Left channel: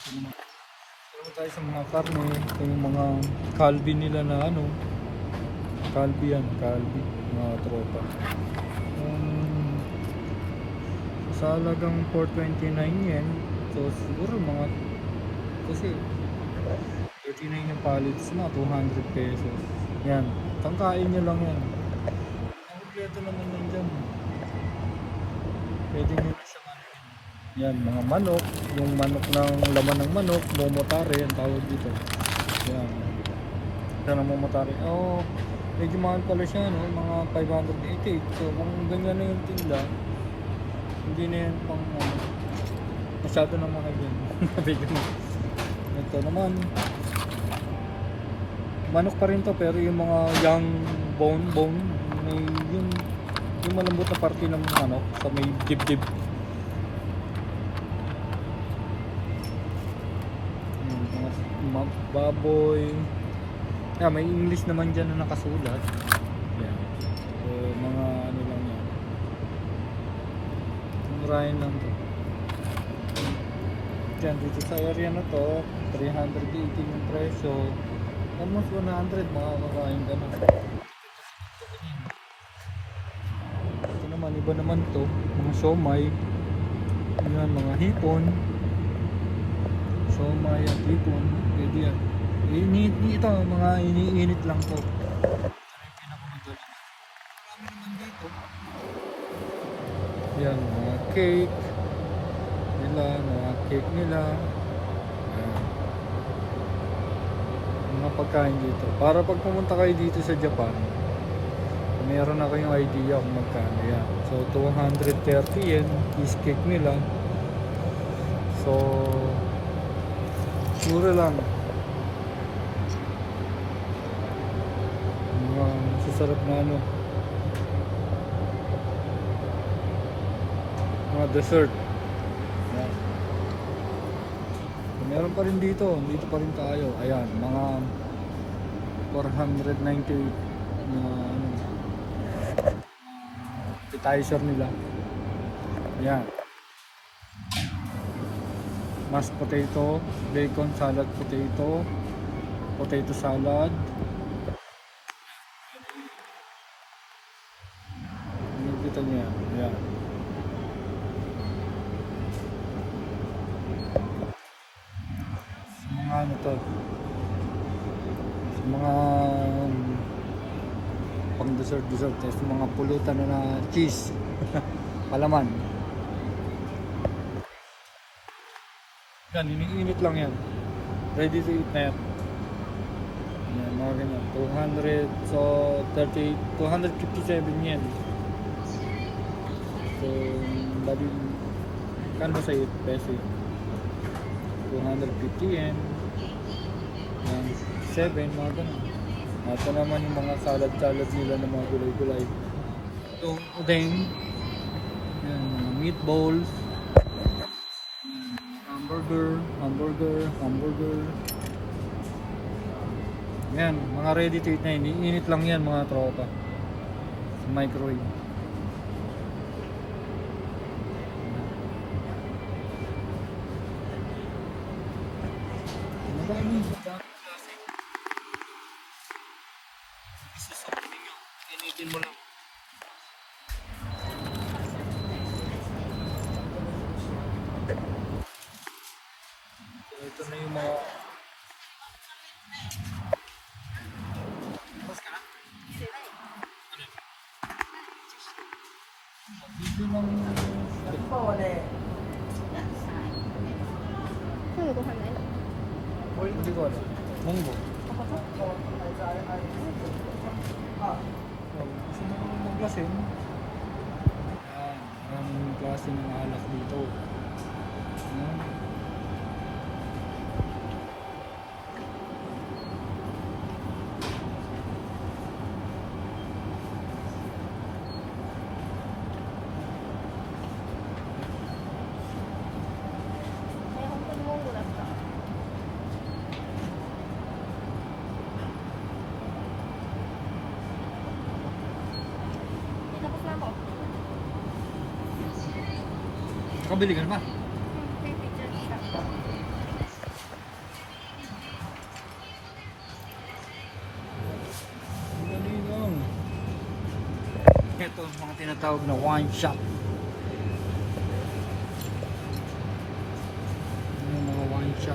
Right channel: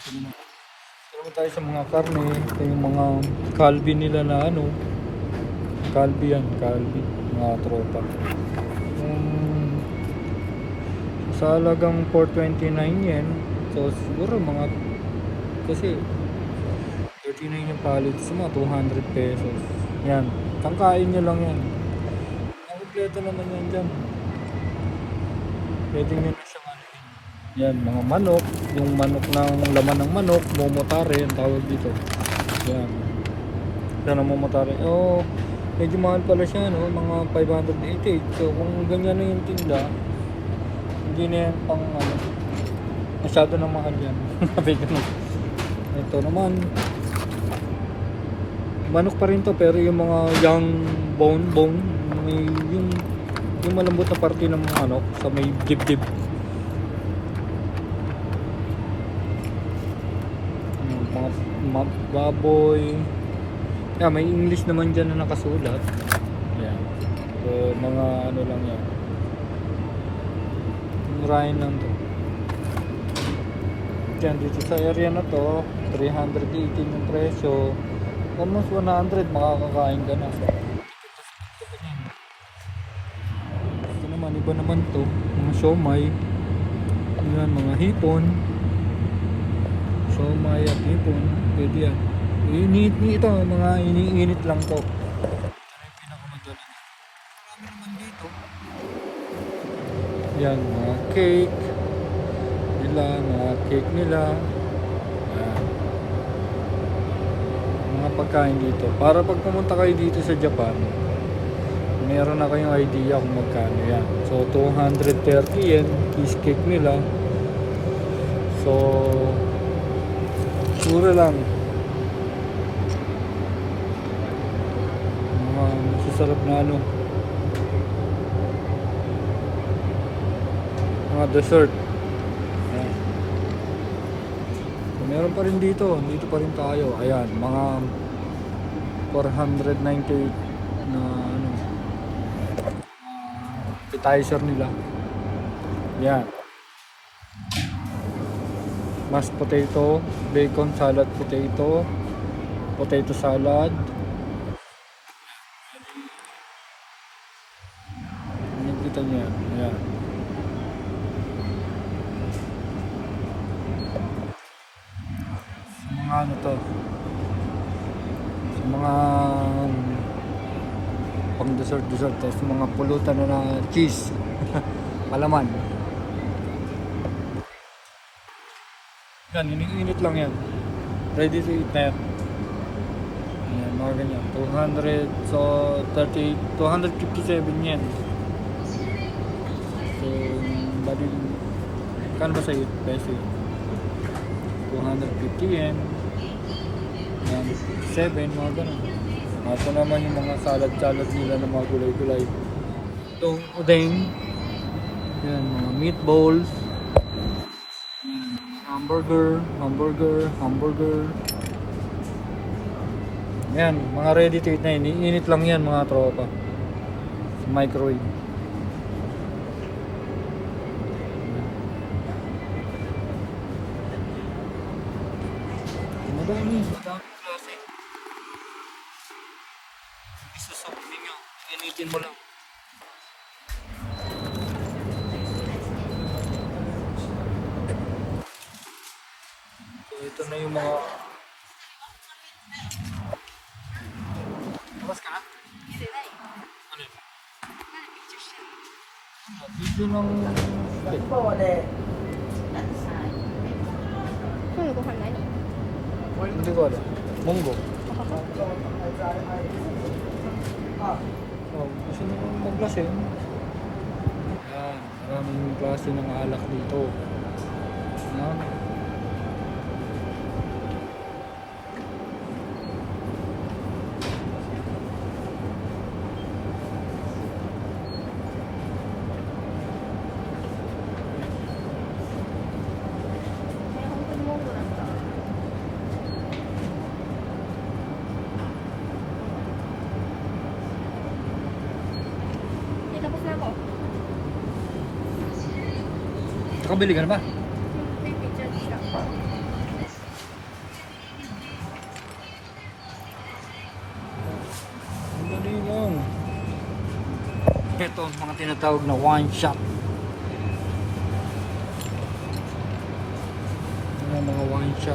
Naman tayo sa mga karne. Ito yung mga Calbee nila na ano. Calbee yan, Calbee. Mga tropa. Sa halagang 429 yen. So siguro mga, kasi 39 yung pallets mo, 200 pesos. Yan. Tangkain nyo lang yan. Ang kompleto naman yan dyan. Pwede nyo na siyang ano. Yan, mga manok. Yung manok ng laman ng manok. Momotare yung tawag dito. Yan. Yan ang momotare. Oh, medyo mahal pala siya, no? Mga 588. So kung ganyan na yung tinda, hindi na yan pang masyado na mahal yan. Ito naman, manok pa rin to, pero yung mga young bone yung malambot na parte ng ano, sa may dibdib. Mga baboy. Yeah, may English naman dyan na nakasulat. Yeah. So mga ano lang yan. Murahin lang to. Yan, dito sa area na to, 318 yung presyo. Almost 100 makakakain ka na. Ito naman, iba naman to. Mga siomay. Yan, mga hipon. Siomay at hipon. Pwede yan. Ito, mga iniinit lang to. Ito yung pinakamadali na. Kami naman dito. Yan, mga cake. Mga cake nila. Mga pagkain dito. Para pag pumunta kayo dito sa Japan, meron na kayong idea kung magkano yan. So 230 yen cheesecake nila. So mura lang. Mga masasarap na ano, mga dessert. Meron pa rin dito pa rin tayo. Ayan, mga 498 na ano, appetizer nila. Ayan. Mashed potato, bacon salad potato, potato salad. Nakita niyo yan. Ayan. Ano to, sa mga pang dessert sa mga pulutan na cheese. Alaman yan, iniinit lang yan, ready to eat na yan. Yan, mga ganyan, 200, so 30, 257 yen. So kano ba sa 8 peso, 250 yen. 7, mga ganun. Ito naman yung mga salad nila ng mga gulay-gulay. Itong udeng. Yan, mga meatballs. Yan, hamburger. Yan, mga ready to eat na yun. Init lang yan mga tropa. Sa microwave. Madami klase. Isasabi nyo, initin mo lang. So ito na yung mga labas ka na? Ano? Video ng hindi ko alam. Munggo. Gusto nyo kong magklase? Yan, maraming klase ng alak dito. Yan. Nakabili ka na ba? mga tinatawag na one shot. Yung mga one shot.